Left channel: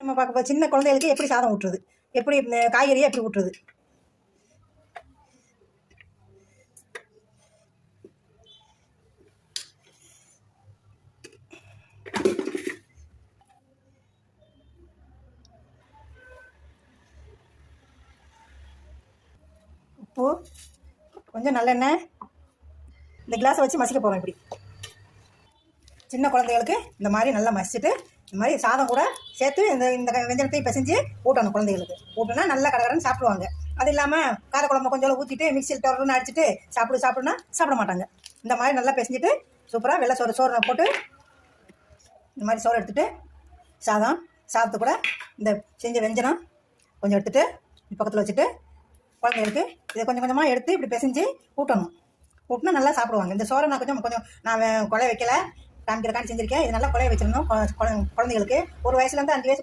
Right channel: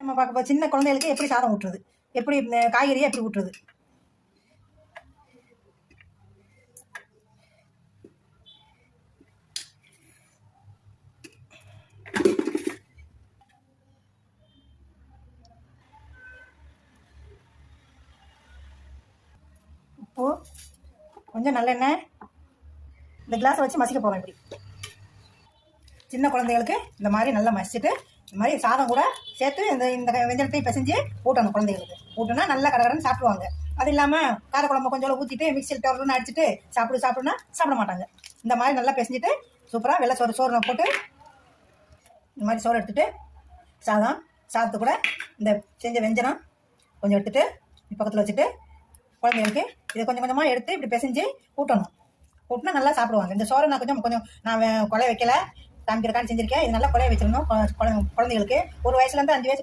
நம்ம பார்க்க போ- சின்ன குழந்தைகளுக்கு எப்படி சாதம் ஊட்டுறது? எப்படி காய்கறியை எப்படி ஊட்டுறது? உப்பு கொஞ்சம் நல்லெண்ணெய் இந்த கிளாஸை வச்சு மசிக்க போகிறோம் இப்படி. சின்ன குழந்தைகளுக்கு இந்த மாதிரி நல்லா மசிச்சுட்டு இந்த மாதிரி சாதம் கூட சேர்த்து இந்த இந்த வெஞ்சனத்தையும் பிசைஞ்சு ஊட்டணும் குழந்தைகளுக்கு. ஊட்டினா நல்லா கடகடன்னு சாப்பிடுவாங்க. அது இல்லாமல் காரக்குழம்பு கொஞ்சம் ஊற்றிட்டு மிக்சியில் டொருன்னு அடிச்சுட்டு சாப்பிடு சாப்பிடுனா சாப்பிட மாட்டாங்க. இந்த மாதிரி நல்லா பிசைஞ்சிட்டு சூப்பராக வெள்ளை சோறு சோறு போட்டு இந்த மாதிரி சோறு எடுத்துகிட்டு சாதம் சாதத்து கூட இந்த செஞ்ச வெஞ்சனம் கொஞ்சம் எடுத்துகிட்டு பக்கத்தில் வச்சுட்டு குழந்தைகளுக்கு இதை கொஞ்சம் கொஞ்சமாக எடுத்து இப்படி பிசைஞ்சு ஊட்டணும். ஊட்டினா நல்லா சாப்பிடுவாங்க. இந்த சோறை நான் கொஞ்சம் கொஞ்சம் நான் கொலை வைக்கலை. வைக்கல காமிக்கிறக்கான்னு செஞ்சிருக்கேன் இது நல்லா குழைய வச்சிருந்தோம். குழ- குழந்தைகளுக்கு. ஒரு வயசுலேருந்து அஞ்சு வயசு